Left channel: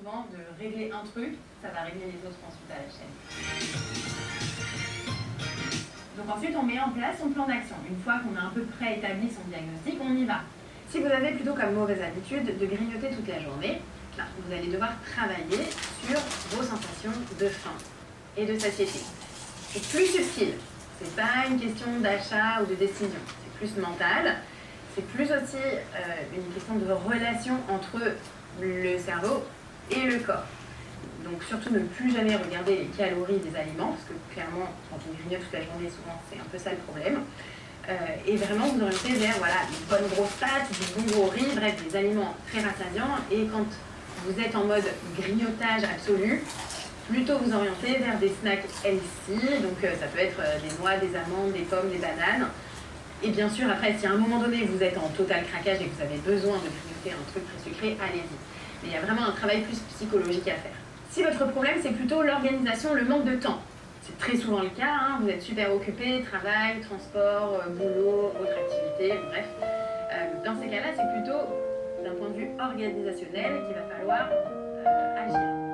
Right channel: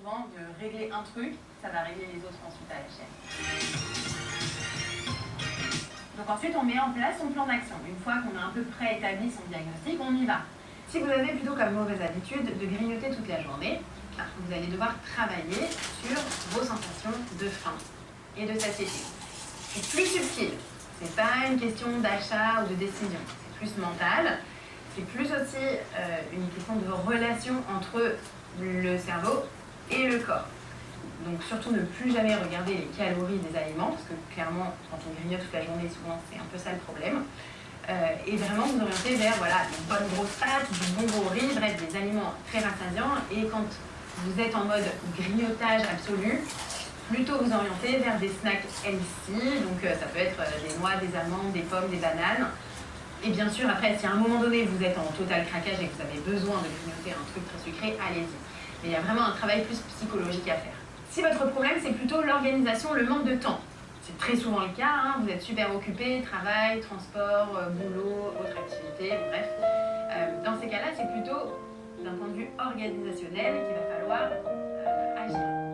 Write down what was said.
souvent de régler un truc, ça va régler les autres ensuite à la chaîne. Donc ensuite, on met en place son plan d'action. Une fois qu'on a un peu près établi son diagnostic, on y va. Si vous avez plutôt comme mauvaise habitude de grignoter toute la journée, vous allez devoir travailler sur vos sensations de faim et de satiété. C'est plus subtil. C'est pas une question d'achat ou de décision. C'est plus mental. C'est plus aussi une question de relation entre le cerveau et le corps. Donc surtout ne plus jamais regarder les calories des aliments, parce que clairement, quand on grignote toute la journée, souvent c'est un peu ça le problème. Et vraiment vous orienter vers une bonne grosse pâte, du bon gros riz, bref, des aliments très rassasiants. Et quand vous êtes en mode grignotage absolu, plutôt vous orienter vers des snacks healthy, donc ça peut être des noix, des amandes, des pommes, des bananes. Et bien sûr, après, si à un moment donné vous êtes en total craquage et que vous avez besoin de grignoter un truc très sucré, allez-y. Mais il y a vraiment un travail plus psychologique à faire. Si votre problème, c'est plutôt l'organisation, le manque de temps, c'est très souvent le cas, vous êtes super occupé, travail, transport, boulot, autre activité, bref. Dans ces cas-là, c'est plutôt d'un point de vue organisationnel qu'il va falloir agir.